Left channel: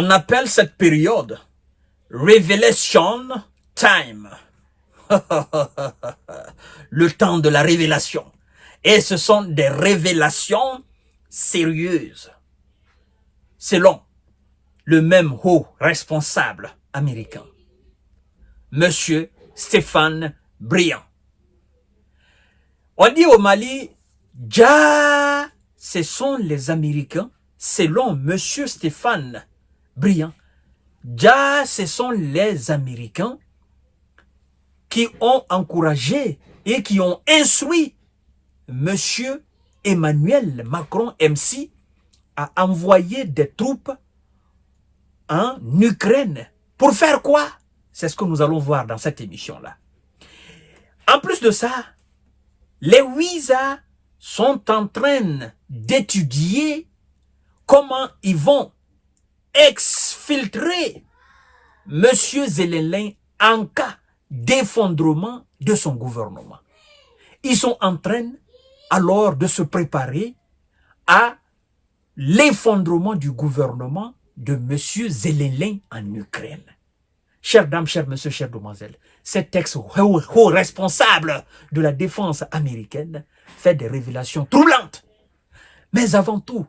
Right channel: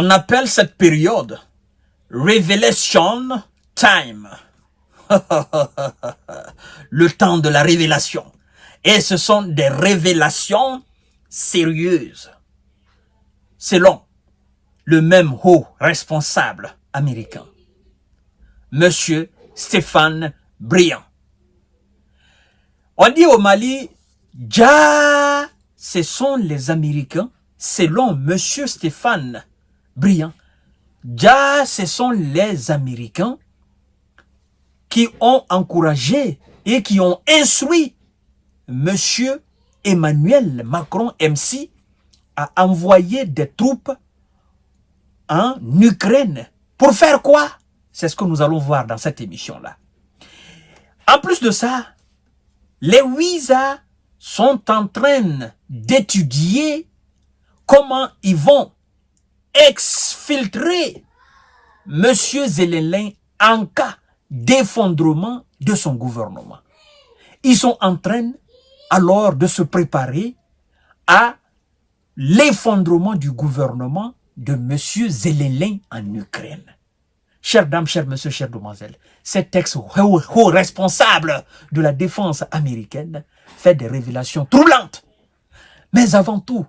On appelle cette période Revelation Time. Le temps de la révélation. Et ce sont des révélations sérieuses. Selon le même haut responsable américain, Monsieur Stéphane Briand. On dit au Mali, ja, ce sont les Américains, selon Monsieur Stéphane Briand. Ja, ce sont les Américains qui ont encouragé et qui ont instruit Monsieur Emmanuel Macron MC à envoyer des troupes en Ukraine. Pour faire quoi? C'est ce que nous allons voir dans cette émission-là. En plus de ça, les Ouïsa sont en train d'étudier comment ils vont exfiltrer M. Zelensky en cas d'effondrement de son gouvernement. Ils sont en train alors de se préparer à l'effondrement du gouvernement de M. Zelensky en Ukraine. Chères dames, chers messieurs, chères demoiselles, cet ex-haut responsable de la défense américaine fait des révélations troublantes. Mais avant tout,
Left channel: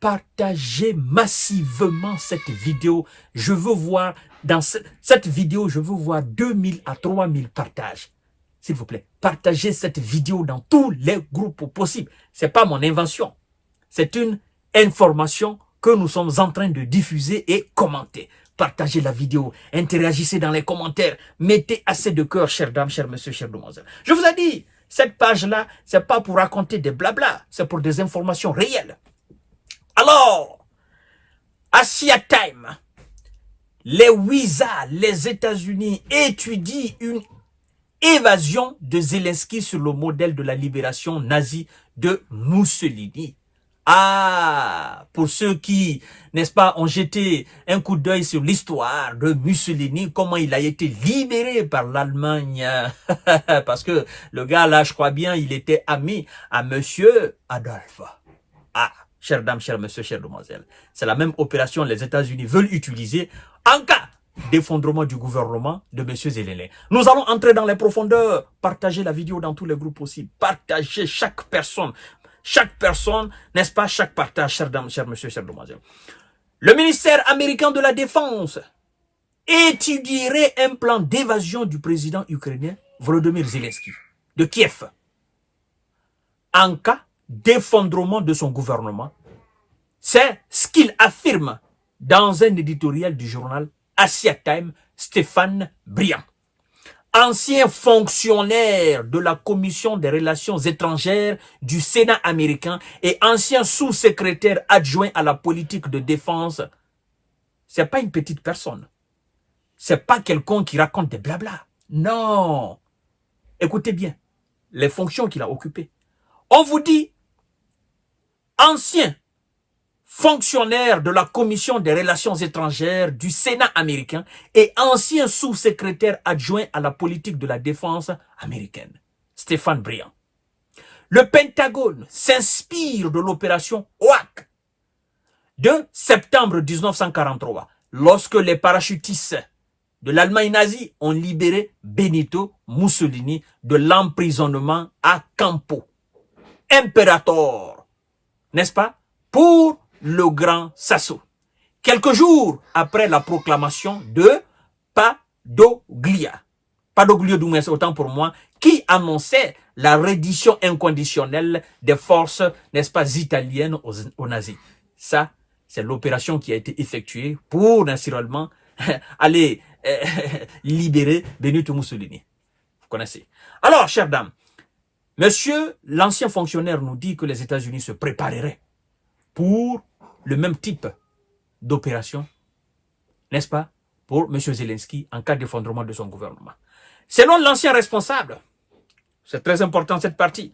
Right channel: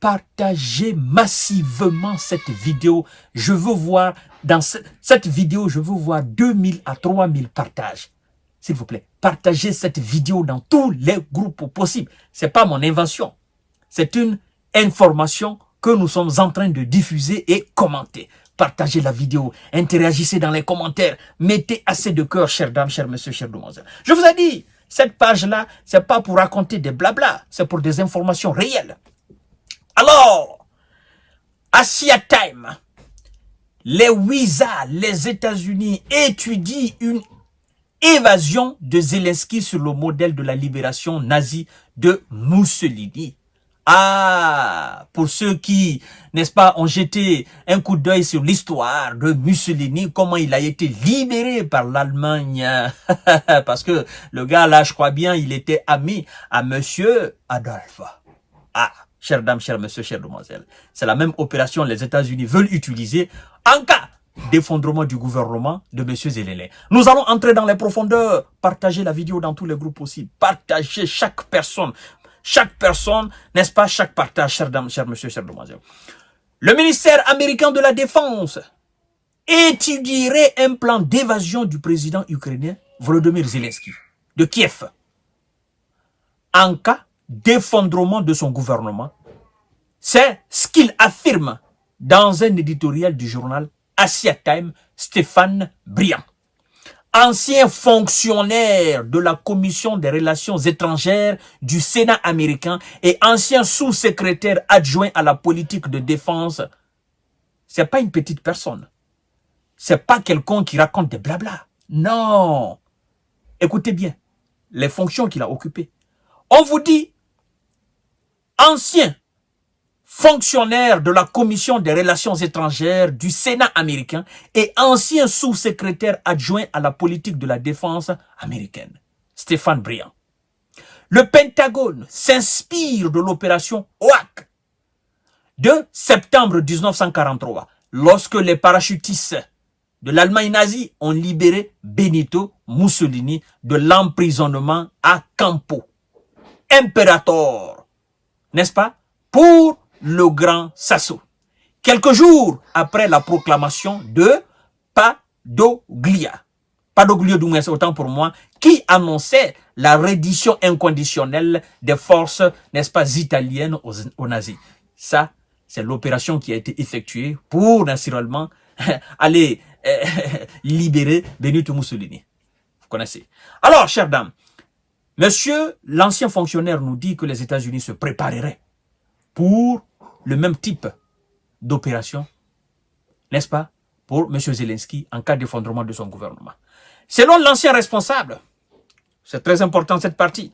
partagez massivement cette vidéo. Je veux voir, dans cette vidéo, je veux voir 2000 à 3000 partages. S'il vous plaît, partagez cette vidéo dans tous les groupes possibles. Ce n'est pas mon invention. C'est une information que nous sommes en train de diffuser et commenter. Partagez la vidéo, interagissez dans les commentaires, mettez assez de cœur, chères dames, chers messieurs, chères demoiselles. Je vous ai dit, cette page-là, c'est pas pour raconter des blabla, c'est pour des informations réelles. Alors, Asia Time, les Ouïsa, les États-Unis étudient une évasion de Zelensky sur le modèle de la libération nazie de Mussolini. Ah, pour ceux qui, n'est-ce pas, ont jeté un coup d'œil sur l'histoire de Mussolini, comment il a été libéré par l'Allemagne. Parce que le gars là, je crois bien, il était ami à Monsieur Adolphe. Ah, chères dames, chers messieurs, chères demoiselles, c'est la même opération que les États-Unis veulent utiliser en cas d'effondrement du gouvernement de M. Zelensky. Nous allons entrer dans les profondeurs. Partagez la vidéo dans tous les groupes possibles. Partagez chaque personne, n'est-ce pas, chaque partage, chers dames, chers messieurs, chères demoiselles. Le ministère américain de la Défense étudierait un plan d'évasion du président ukrainien Volodymyr Zelensky de Kiev en cas d'effondrement de son gouvernement. C'est ce qu'il affirme dans un éditorial du journal Asia Time, Stéphane Briand. Ancien fonctionnaire de la Commission des Relations étrangères du Sénat américain et ancien sous-secrétaire adjoint à la politique de défense. C'est pas une petite personne. C'est pas quelqu'un qui raconte des blabla. Non. Écoutez bien les fonctions qu'il a occupées. On vous dit ancien fonctionnaire de la Commission des Relations étrangères du Sénat américain et ancien sous-secrétaire adjoint à la politique de la défense américaine, Stéphane Briand. Le Pentagone s'inspire de l'opération OAK de septembre 1943, lorsque les parachutistes de l'Allemagne nazie ont libéré Benito Mussolini de l'emprisonnement à Campo. Imperator, n'est-ce pas, pour le grand Sasso. Quelques jours après la proclamation de Padoglio Doumes, autant pour moi, qui annonçait la reddition inconditionnelle des forces, n'est-ce pas, italiennes aux nazis. Ça, c'est l'opération qui a été effectuée pour, naturellement, aller libérer Benito Mussolini. Vous connaissez. Alors, chères dames, monsieur l'ancien fonctionnaire nous dit que les États-Unis se prépareraient pour le même type d'opération, n'est-ce pas, pour M. Zelensky en cas d'effondrement de son gouvernement. Selon l'ancien responsable, c'est très important cette partie,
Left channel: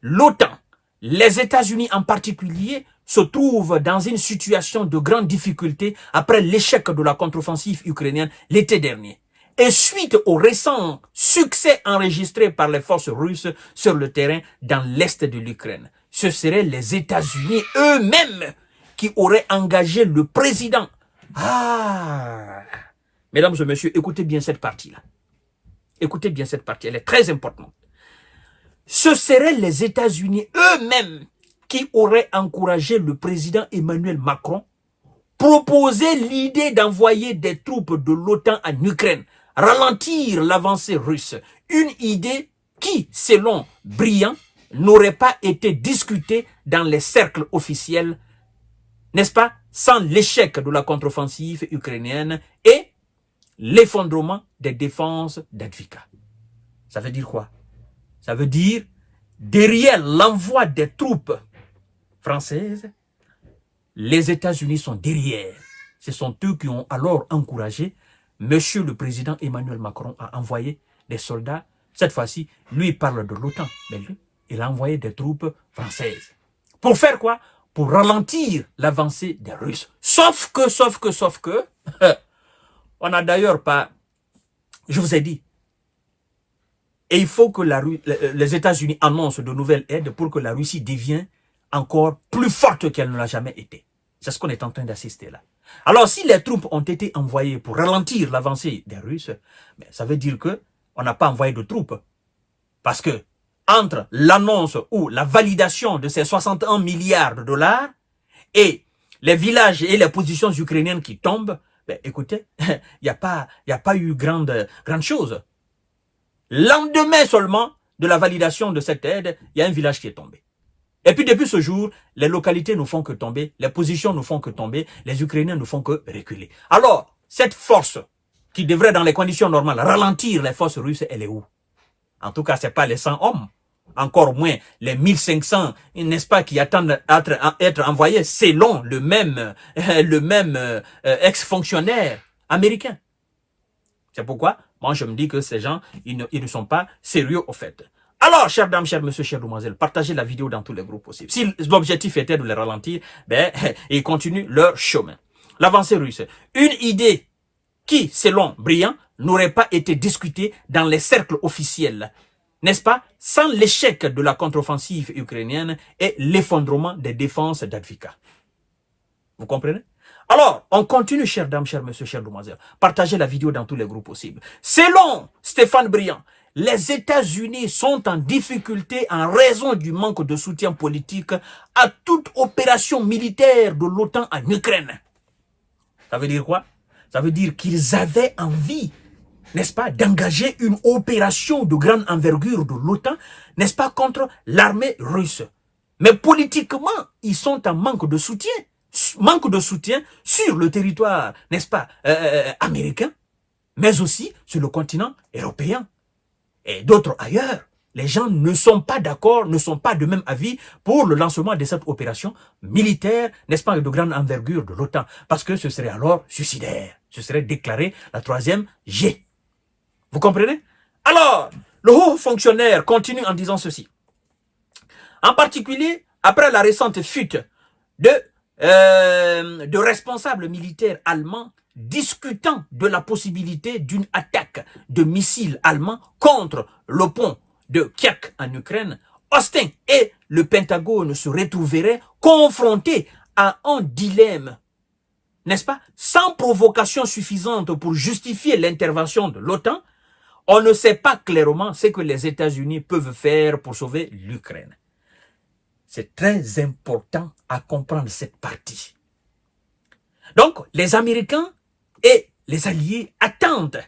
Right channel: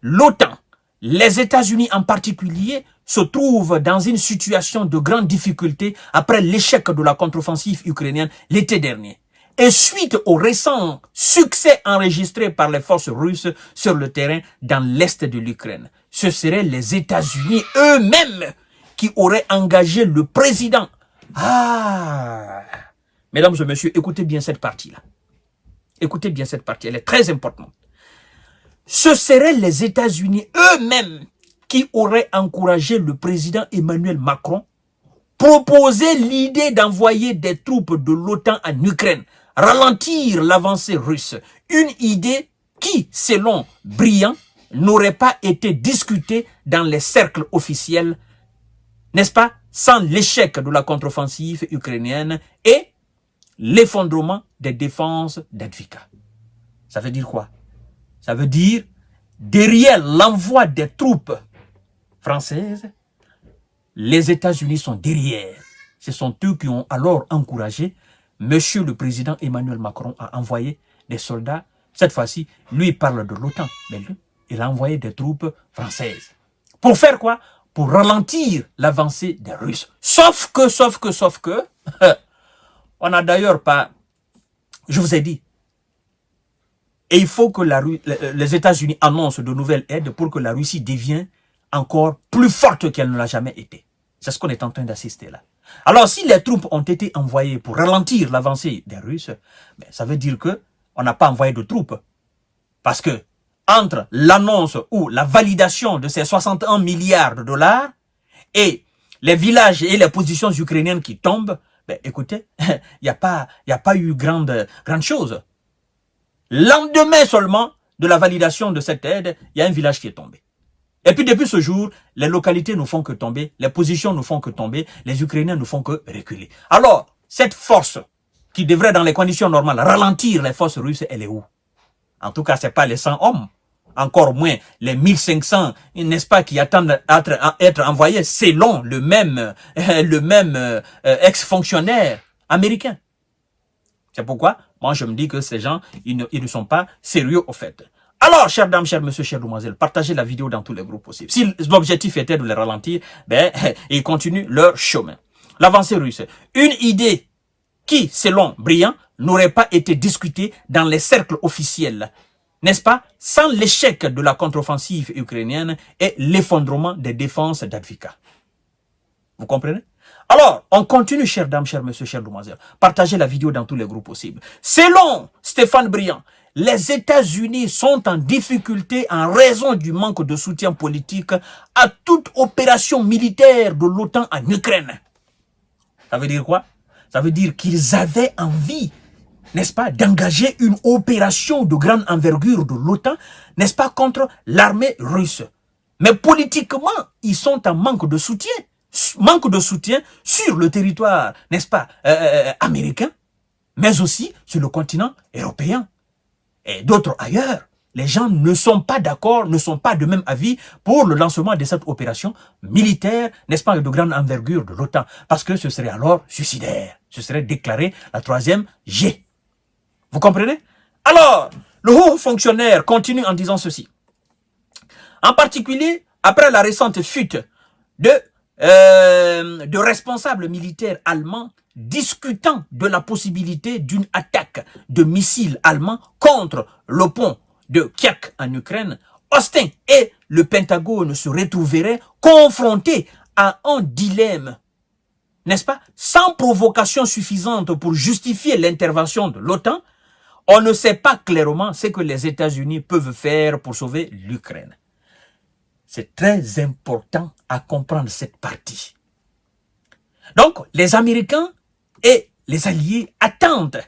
l'OTAN, les États-Unis en particulier, se trouvent dans une situation de grande difficulté après l'échec de la contre-offensive ukrainienne l'été dernier. Et suite au récent succès enregistré par les forces russes sur le terrain dans l'est de l'Ukraine, ce seraient les États-Unis eux-mêmes qui auraient engagé le président Ah, mesdames et messieurs, écoutez bien cette partie-là. Écoutez bien cette partie, elle est très importante. Ce seraient les États-Unis eux-mêmes qui auraient encouragé le président Emmanuel Macron proposer l'idée d'envoyer des troupes de l'OTAN en Ukraine, ralentir l'avancée russe. Une idée qui, selon Briand, n'aurait pas été discutée dans les cercles officiels, n'est-ce pas, sans l'échec de la contre-offensive ukrainienne et l'effondrement des défenses d'Advika. Ça veut dire quoi? Ça veut dire, derrière l'envoi des troupes françaises, les États-Unis sont derrière. Ce sont eux qui ont alors encouragé Monsieur le Président Emmanuel Macron à envoyer des soldats. Cette fois-ci, lui, il parle de l'OTAN, mais lui, il a envoyé des troupes françaises. Pour faire quoi? Pour ralentir l'avancée des Russes. Sauf que, on n'a d'ailleurs pas, je vous ai dit, et il faut que les États-Unis annoncent de nouvelles aides pour que la Russie devienne encore plus forte qu'elle ne l'a jamais été. C'est ce qu'on est en train d'assister là. Alors, si les troupes ont été envoyées pour ralentir l'avancée des Russes, ça veut dire que on n'a pas envoyé de troupes. Parce que entre l'annonce ou la validation de ces 61 milliards de dollars et les villages et les positions ukrainiennes qui tombent, écoutez, il n'y a pas eu grande chose. Lendemain seulement de la validation de cette aide, il y a un village qui est tombé. Et puis depuis ce jour, les localités ne font que tomber, les positions ne font que tomber, les Ukrainiens ne font que reculer. Alors, cette force qui devrait dans les conditions normales ralentir les forces russes, elle est où? En tout cas, ce n'est pas les 100 hommes, encore moins les 1500, n'est-ce pas, qui attendent à être envoyés selon le même ex-fonctionnaire américain. C'est pourquoi, moi je me dis que ces gens, ils ne sont pas sérieux au fait. Alors, chères dames, chers messieurs, chères demoiselles, partagez la vidéo dans tous les groupes possibles. Si l'objectif était de les ralentir, ils continuent leur chemin. L'avancée russe, une idée qui, selon Briand, n'aurait pas été discutée dans les cercles officiels, n'est-ce pas, sans l'échec de la contre-offensive ukrainienne et l'effondrement des défenses d'Advika. Vous comprenez? Alors, on continue, chères dames, chers messieurs, chères demoiselles. Partagez la vidéo dans tous les groupes possibles. Selon Stéphane Briand, les États-Unis sont en difficulté en raison du manque de soutien politique à toute opération militaire de l'OTAN en Ukraine. Ça veut dire quoi? Ça veut dire qu'ils avaient envie, n'est-ce pas, d'engager une opération de grande envergure de l'OTAN, n'est-ce pas, contre l'armée russe. Mais politiquement, ils sont en manque de soutien. Manque de soutien sur le territoire, n'est-ce pas, américain, mais aussi sur le continent européen. Et d'autres ailleurs, les gens ne sont pas d'accord, ne sont pas de même avis pour le lancement de cette opération militaire, n'est-ce pas, de grande envergure de l'OTAN, parce que ce serait alors suicidaire, ce serait déclaré la 3e G. Vous comprenez? Alors, le haut fonctionnaire continue en disant ceci. En particulier, après la récente fuite de responsables militaires allemands discutant de la possibilité d'une attaque de missiles allemands contre le pont de Kiev en Ukraine, Austin et le Pentagone se retrouveraient confrontés à un dilemme, n'est-ce pas, sans provocation suffisante pour justifier l'intervention de l'OTAN. On ne sait pas clairement ce que les États-Unis peuvent faire pour sauver l'Ukraine. C'est très important à comprendre cette partie. Donc, les Américains et les Alliés attendent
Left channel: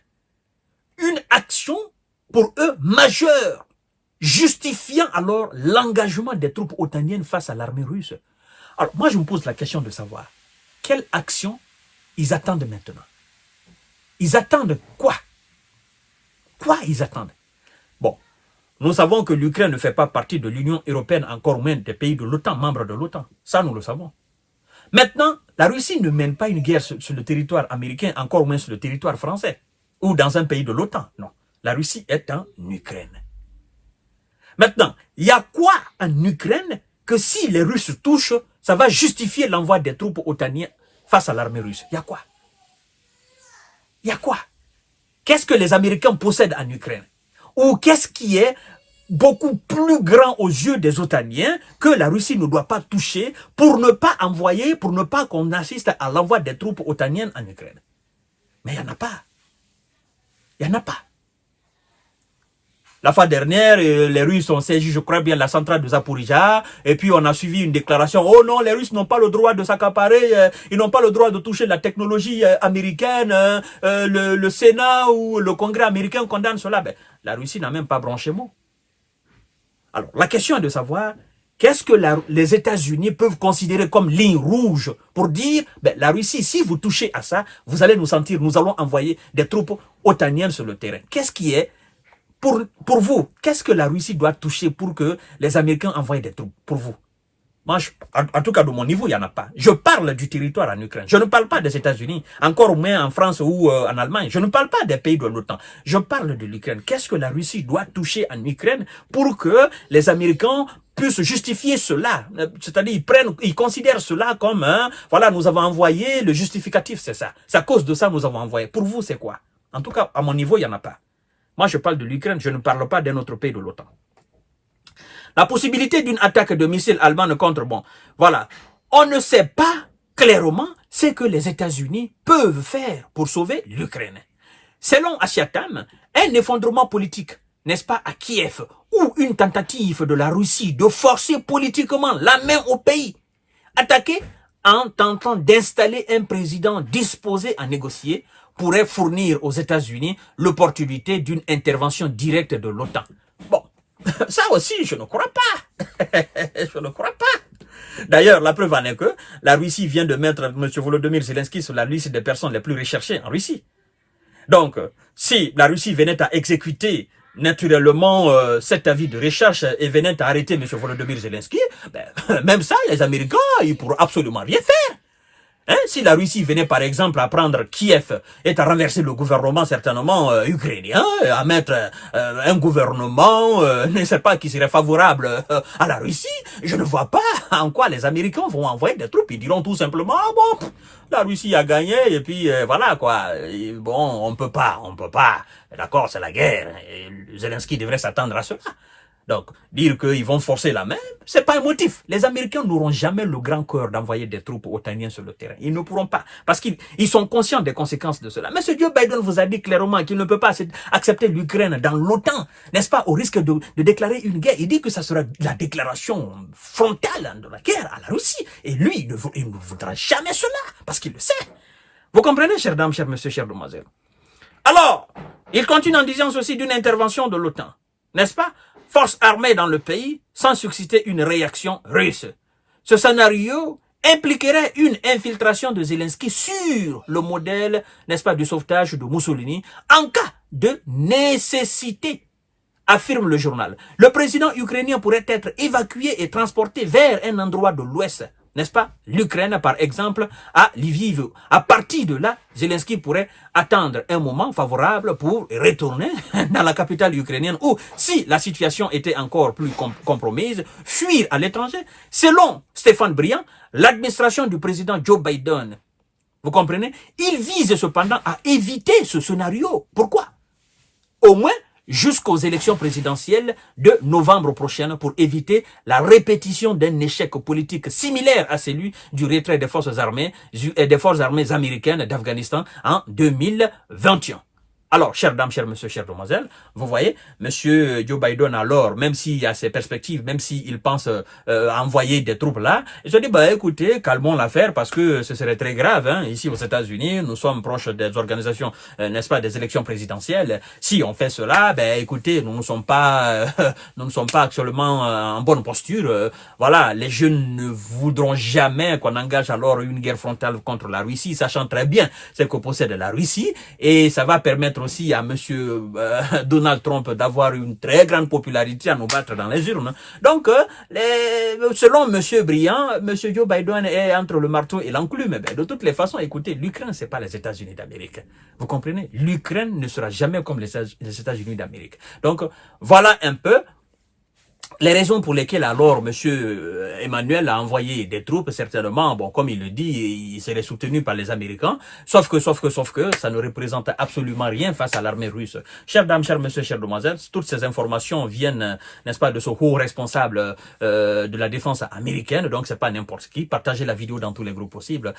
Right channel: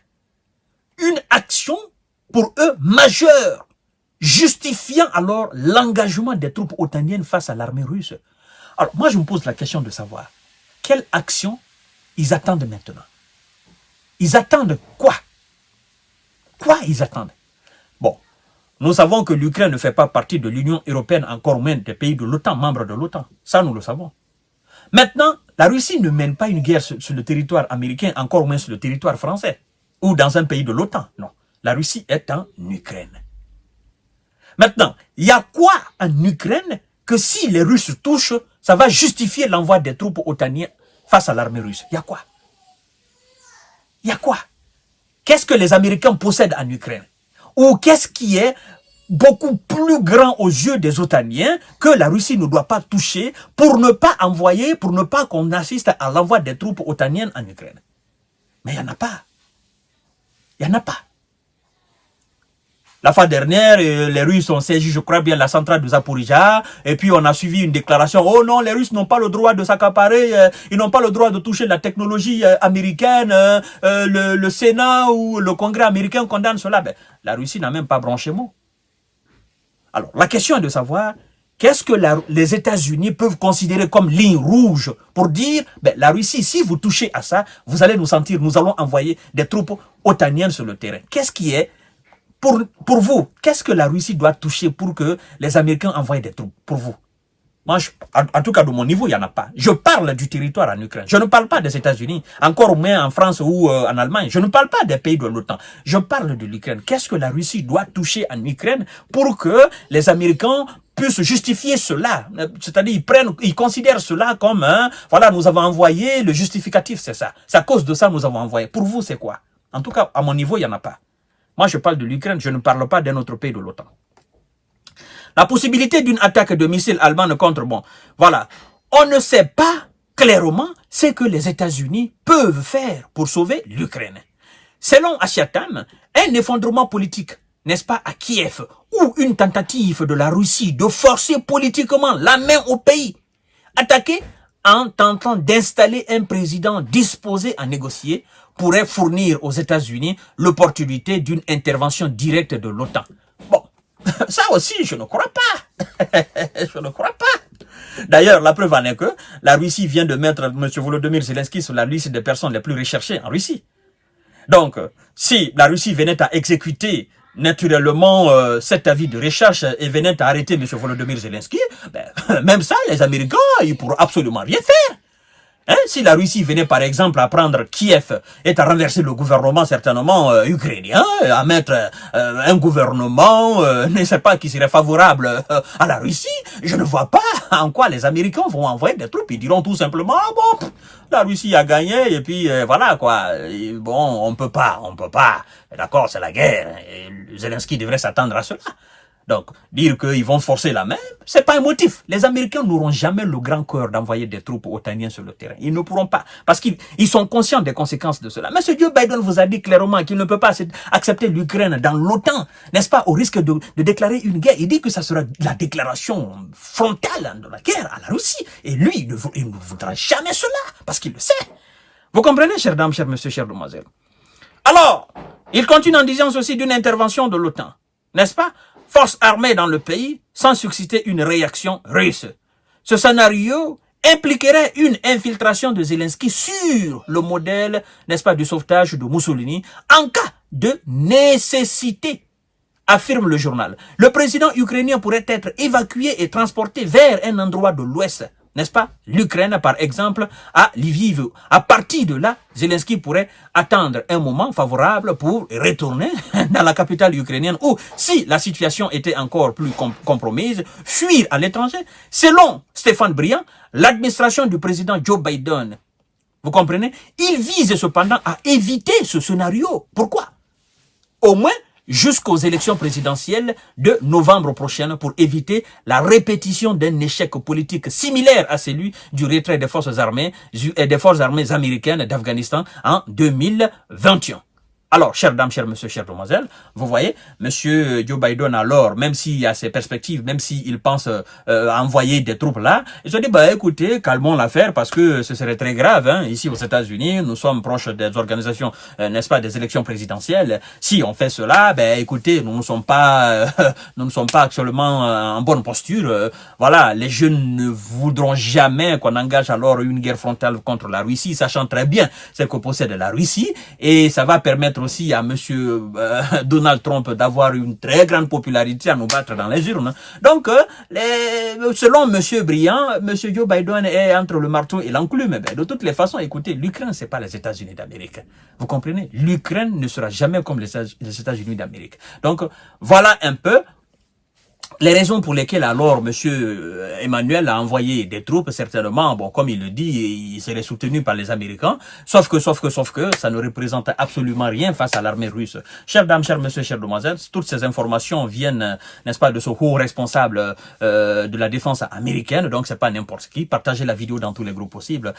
une action pour eux majeure, justifiant alors l'engagement des troupes otaniennes face à l'armée russe. Alors, moi, je me pose la question de savoir quelle action ils attendent maintenant. Ils attendent quoi? Quoi ils attendent? Bon, nous savons que l'Ukraine ne fait pas partie de l'Union européenne, encore moins des pays de l'OTAN, membres de l'OTAN. Ça, nous le savons. Maintenant, la Russie ne mène pas une guerre sur le territoire américain, encore moins sur le territoire français, ou dans un pays de l'OTAN. Non, la Russie est en Ukraine. Maintenant, il y a quoi en Ukraine que si les Russes touchent, ça va justifier l'envoi des troupes otaniennes face à l'armée russe? Il y a quoi? Il y a quoi? Qu'est-ce que les Américains possèdent en Ukraine? Ou qu'est-ce qui est beaucoup plus grand aux yeux des Otaniens que la Russie ne doit pas toucher pour ne pas envoyer, pour ne pas qu'on assiste à l'envoi des troupes otaniennes en Ukraine. Mais il n'y en a pas. Il n'y en a pas. La fois dernière, les Russes ont saisi, je crois bien, la centrale de Zaporizhzhia, et puis on a suivi une déclaration, oh non, les Russes n'ont pas le droit de s'accaparer, ils n'ont pas le droit de toucher la technologie américaine, le Sénat ou le Congrès américain condamne cela. Ben, la Russie n'a même pas branché mot. Alors, la question est de savoir, qu'est-ce que les États-Unis peuvent considérer comme ligne rouge pour dire, ben, la Russie, si vous touchez à ça, vous allez nous sentir, nous allons envoyer des troupes otaniennes sur le terrain. Qu'est-ce qui est pour vous, qu'est-ce que la Russie doit toucher pour que les Américains envoient des troupes pour vous? Moi, en tout cas, de mon niveau, il n'y en a pas. Je parle du territoire en Ukraine. Je ne parle pas des États-Unis, encore moins en France ou en Allemagne. Je ne parle pas des pays de l'OTAN. Je parle de l'Ukraine. Qu'est-ce que la Russie doit toucher en Ukraine pour que les Américains puissent justifier cela? C'est-à-dire, ils considèrent cela comme, voilà, nous avons envoyé, le justificatif, c'est ça. C'est à cause de ça que nous avons envoyé. Pour vous, c'est quoi? En tout cas, à mon niveau, il n'y en a pas. Moi, je parle de l'Ukraine, je ne parle pas d'un autre pays de l'OTAN. La possibilité d'une attaque de missiles allemands contre, bon, voilà. On ne sait pas clairement ce que les États-Unis peuvent faire pour sauver l'Ukraine. Selon Achiatam, un effondrement politique, n'est-ce pas, à Kiev, ou une tentative de la Russie de forcer politiquement la main au pays, attaqué en tentant d'installer un président disposé à négocier, pourrait fournir aux États-Unis l'opportunité d'une intervention directe de l'OTAN. Bon, ça aussi, je ne crois pas. Je ne crois pas. D'ailleurs, la preuve en est que la Russie vient de mettre M. Volodymyr Zelensky sur la liste des personnes les plus recherchées en Russie. Donc, si la Russie venait à exécuter naturellement cet avis de recherche et venait à arrêter M. Volodymyr Zelensky, ben, même ça, les Américains, ils ne pourront absolument rien faire. Hein, si la Russie venait par exemple à prendre Kiev et à renverser le gouvernement certainement ukrainien, à mettre un gouvernement, ne sais pas, qui serait favorable à la Russie, je ne vois pas en quoi les Américains vont envoyer des troupes. Ils diront tout simplement, bon, la Russie a gagné et puis voilà quoi. Et, bon, on peut pas. D'accord, c'est la guerre. Et Zelensky devrait s'attendre à cela. Donc, dire qu'ils vont forcer la main, c'est pas un motif. Les Américains n'auront jamais le grand cœur d'envoyer des troupes otaniennes sur le terrain. Ils ne pourront pas, parce qu'ils sont conscients des conséquences de cela. Mais ce Joe Biden vous a dit clairement qu'il ne peut pas accepter l'Ukraine dans l'OTAN, n'est-ce pas, au risque de déclarer une guerre. Il dit que ça sera la déclaration frontale de la guerre à la Russie. Et lui, il ne voudra jamais cela, parce qu'il le sait. Vous comprenez, chères dames, chers messieurs, chères demoiselles? Alors, il continue en disant ceci d'une intervention de l'OTAN, n'est-ce pas? Forces armées dans le pays sans susciter une réaction russe. Ce scénario impliquerait une infiltration de Zelensky sur le modèle, n'est-ce pas, du sauvetage de Mussolini en cas de nécessité, affirme le journal. Le président ukrainien pourrait être évacué et transporté vers un endroit de l'Ouest, n'est-ce pas, l'Ukraine par exemple, à Lviv. À partir de là, Zelensky pourrait attendre un moment favorable pour retourner dans la capitale ukrainienne ou, si la situation était encore plus compromise, fuir à l'étranger. Selon Stéphane Briand, l'administration du président Joe Biden, vous comprenez, il vise cependant à éviter ce scénario. Pourquoi? Au moins jusqu'aux élections présidentielles de novembre prochain pour éviter la répétition d'un échec politique similaire à celui du retrait des forces armées américaines d'Afghanistan en 2021. Alors, chères dames, chers messieurs, chères demoiselles, vous voyez, monsieur Joe Biden, alors, même s'il y a ses perspectives, même s'il pense envoyer des troupes là, il se dit, bah écoutez, calmons l'affaire parce que ce serait très grave. Hein. Ici aux États-Unis, nous sommes proches des organisations, n'est-ce pas, des élections présidentielles. Si on fait cela, ben écoutez, nous ne sommes pas actuellement en bonne posture. Voilà, les jeunes ne voudront jamais qu'on engage alors une guerre frontale contre la Russie, sachant très bien ce que possède la Russie, et ça va permettre aussi à monsieur Donald Trump d'avoir une très grande popularité à nous battre dans les urnes. Donc, selon monsieur Briand, monsieur Joe Biden est entre le marteau et l'enclume. De toutes les façons, écoutez, l'Ukraine, c'est pas les États-Unis d'Amérique. Vous comprenez? L'Ukraine ne sera jamais comme les États-Unis d'Amérique. Donc, voilà un peu les raisons pour lesquelles alors M. Emmanuel a envoyé des troupes, certainement, bon, comme il le dit, il serait soutenu par les Américains, sauf que, ça ne représente absolument rien face à l'armée russe. Chers dames, chers messieurs, chères demoiselles, toutes ces informations viennent, n'est-ce pas, de ce haut responsable de la défense américaine, donc c'est pas n'importe qui. Partagez la vidéo dans tous les groupes possibles.